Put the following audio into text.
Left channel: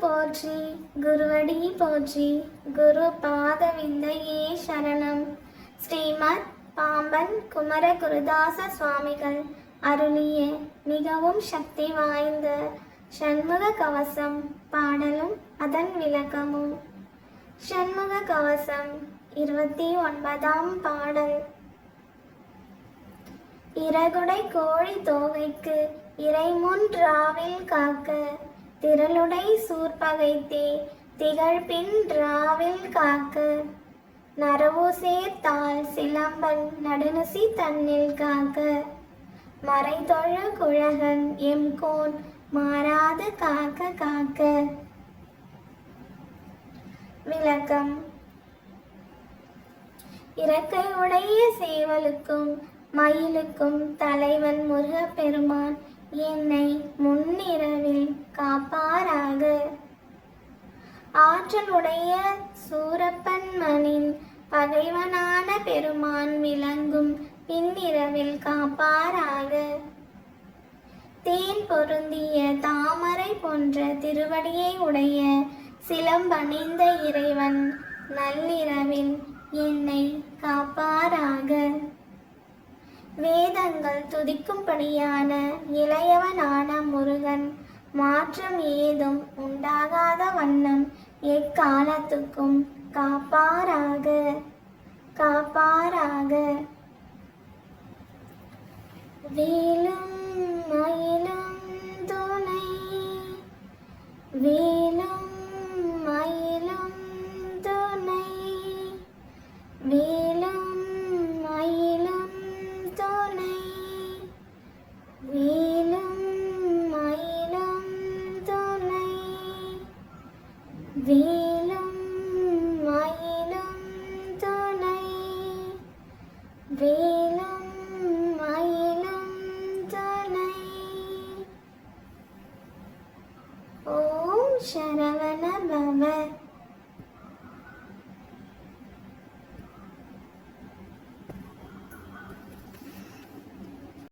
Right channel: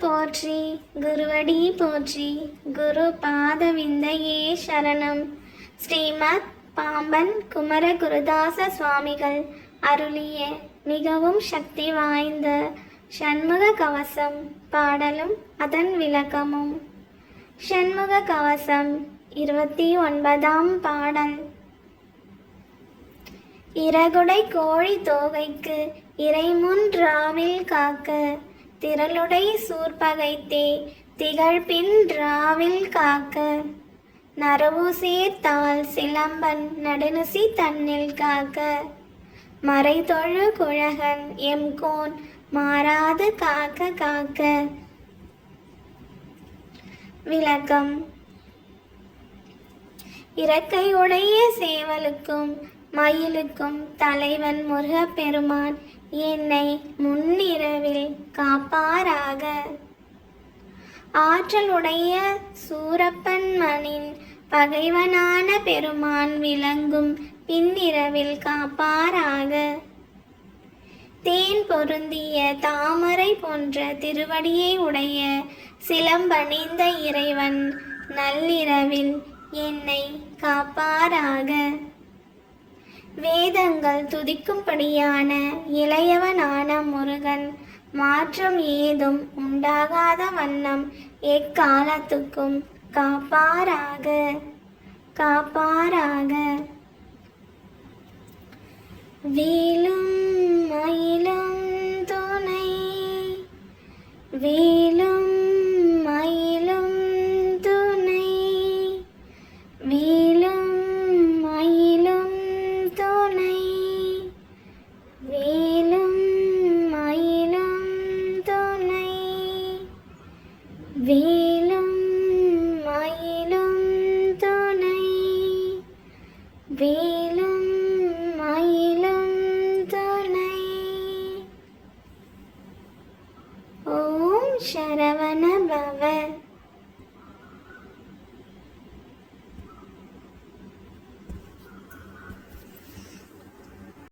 போற்றி குருவடி போற்றி குரு பாதவிந்தையே சரணம். ஸ்ரீமத் பாம்பன் குமர குருதாச சுவாமிகள் அருளிய மிகவும் சக்தி வாய்ந்த ஷண்முக கவசம் பாடலும் அதன் விளக்கமும். ஷண்முக கவசம் 29ஆம் பாடல். இறகுடை கோழி தோகைக்கு இறைமுன் ராவில் காக்க, திரளுடை சூர்பகைத்தே திகழ்பின் ராவில் காக்க, நரவு சேர்த்தால் சிலம்பன் நடுநுசி தன்னில் காக்க, மறைதொழு குழகன் எம்கோன் மாறாது காக்க காக்க. விளக்கம். இறக்கை உடைய சேவலுக்கும் மயிலுக்கும் தலைவன் முருகப் பெருமான் என்னை முன்னிரவில் காப்பாராக. ஆற்றலுடைய சூரப்பன் மணின் பகைவனான பெருமான் விளங்கும் பின்னிரவில் காப்பாராக. தேன் பொருந்திய தாமரை போன்ற திருவடியை உடைய சிலம்பணிந்த இறைவன் நள்ளிரவில் என்னை காப்பாராக. வேதங்கள் துதிக்கும்படியான இளையவனான முருகன் மாற்றம் ஏதும் உண்டாகாத வண்ணம் எக்காலத்துக்கும் காப்பாராக காப்பாராக. வேலும் மயிலும் துணை, வேலும் மயிலும் துணை, வேலும் மயிலும் துணை, வேலும் மயிலும் துணை, வேலும் மயிலும் துணை, வேலும் மயிலும் துணை. ஓம் சரவண பவ.